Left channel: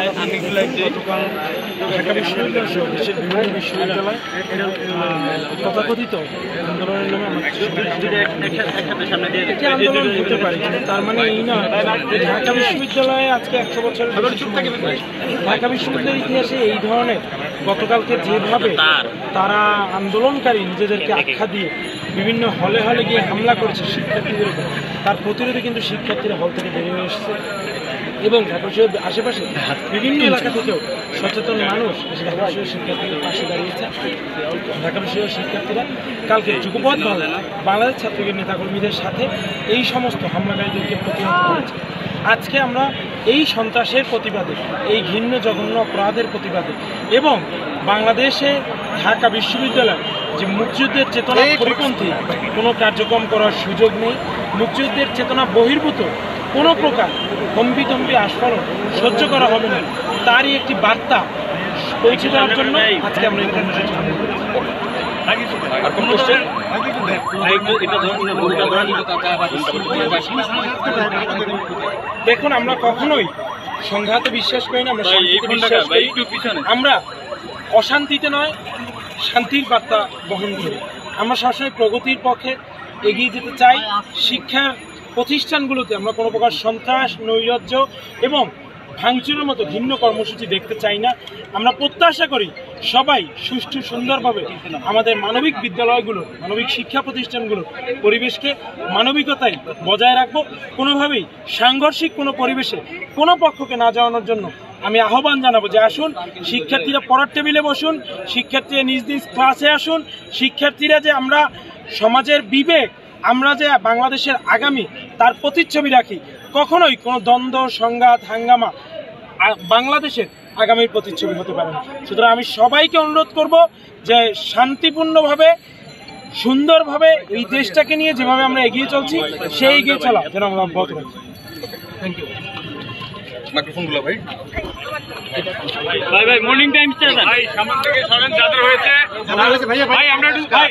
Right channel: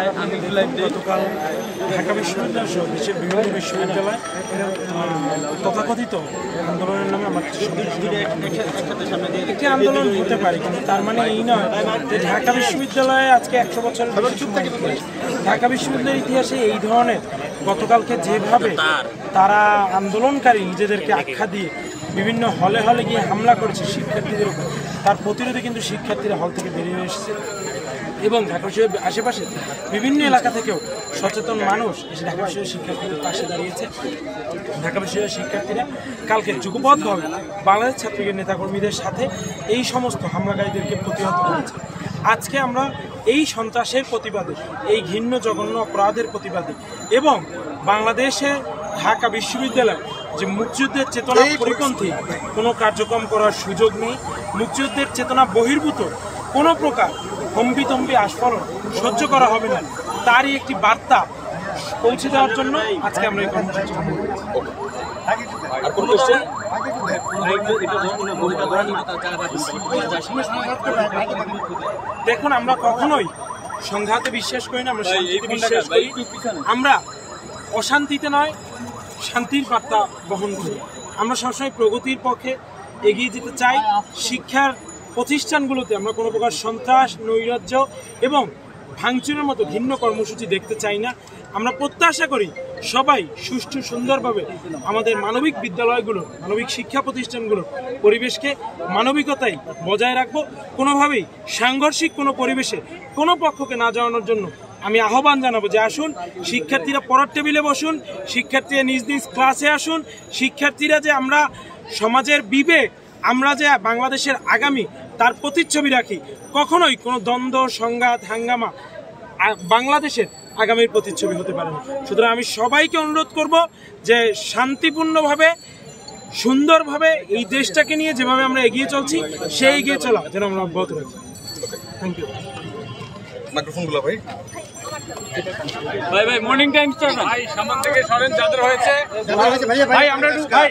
গতকাল ঢাকা বিশ্ববিদ্যালয় সহ দেশের বিভিন্ন বিশ্ববিদ্যালয় তথাকথিত আন্দোলনের নামে আমরা একটি আন্দোলন হতে পারি, কিন্তু তার মানে এই নয় যে ঢাকা বিশ্ববিদ্যালয়ে আজকে 100 বছরের বেশি সময় ঢাকা বিশ্ববিদ্যালয়ের ইতিহাসে এই ধরনের গতকালকে যেভাবে তারা আন্দোলনকারী নিজেদেরকে আখ্যা দিয়ে বিভিন্ন হলে হলে গিয়ে হামলা করেছে শিক্ষার্থীদের উপর, তার প্রতিরোধে কিন্তু শিক্ষার্থীরা হল থেকে বেরিয়ে এসেছে এবং ঢাকা বিশ্ববিদ্যালয়ের আশেপাশে বিভিন্ন এলাকা থেকেও সচেতন মানুষ এসে ঢাকা বিশ্ববিদ্যালয়ের শিক্ষার্থীদের পাশে দাঁড়িয়েছে। ঢাকা বিশ্ববিদ্যালয়ের শিক্ষার্থীরা কালকে যুগপৎভাবে বাংলাদেশ ছাত্রলীগের নেতাকর্মীদের সাথে এই সমস্ত হামলাকারীদেরকে প্রতিহত করেছে। আজকে আমরা এই সন্ত্রাসের প্রতিবাদে, এই ঘৃণ্য জঘন্য অপরাধের প্রতিবাদে এবং বাংলাদেশে ঢাকা বিশ্ববিদ্যালয় যে মুক্তিযুদ্ধের চেতনা পরিপন্থী কোনো কার্যক্রম করার সুযোগ নেই, মুক্তিযুদ্ধের চেতনা বহির্ভূত কোনো প্রকার হম্বিতম্বি আস্ফালন সহ্য করা হবে না, তারই একটি বার্তা পৌঁছে দেওয়ার জন্য আজকে আমরা এই কর্মসূচি দেখুন, আমরা কখনোই সংঘাতে বিশ্বাস করি না, আমরা অশান্তিতে নয় শান্তির বার্তা বহন করি। আমরা সবসময় প্রগতির পক্ষে এগিয়ে যেতে চাই। শিক্ষার প্রতিষ্ঠানগুলোতে আমরা কোনো প্রকার সন্ত্রাস, নৈরাজ্য এবং ভাঙচুরের মতো ভিন্ন কর্মসূচি দেখতে চাই না। আমরা প্রত্যাশা করি সবাই সুষ্ঠু সুন্দরভাবে আমাদের মানবিক বিদ্যালয়গুলো, মানবিক শিক্ষা প্রতিষ্ঠানগুলোর পরিবেশকে মানবিকতায় বজায় রাখবো। কোনোভাবেই সাংঘর্ষিক কোনো পরিবেশে কোনো পক্ষকে না যাওয়ানোর জন্য আমি আহ্বান জানাবো যে আসুন, শিক্ষার্থীরা পড়ার টেবিলে বসুন, শিক্ষার্থীরা নিজ নিজ ক্লাসে আসুন। শিক্ষার্থীরা যে আমরা সমাজের বিবেক, আমরা যে বাংলাদেশের আগামী তার প্রতিচ্ছবি রাখি, কখনোই কোনো দ্বন্দ্ব, সংঘাত, হাঙ্গামা বাংলাদেশের আগামীর প্রতিচ্ছবি হতে পারে না। সুতরাং আমি সবাইকে অনুরোধ করব যে শান্তিপূর্ণভাবে, সুন্দরভাবে এই দেশটাকে নিয়ে যেভাবে আমরা এগিয়ে চলছি সেই এগিয়ে চলা যেন আমরা অব্যাহত রাখি। Thank you. মাইক্রোফোনগুলো ভাই ভাই মর্নিং টাইম ভাই সামনে থেকে সরেন, যাদের হয়েছে ভাই আমরা একটু ভাই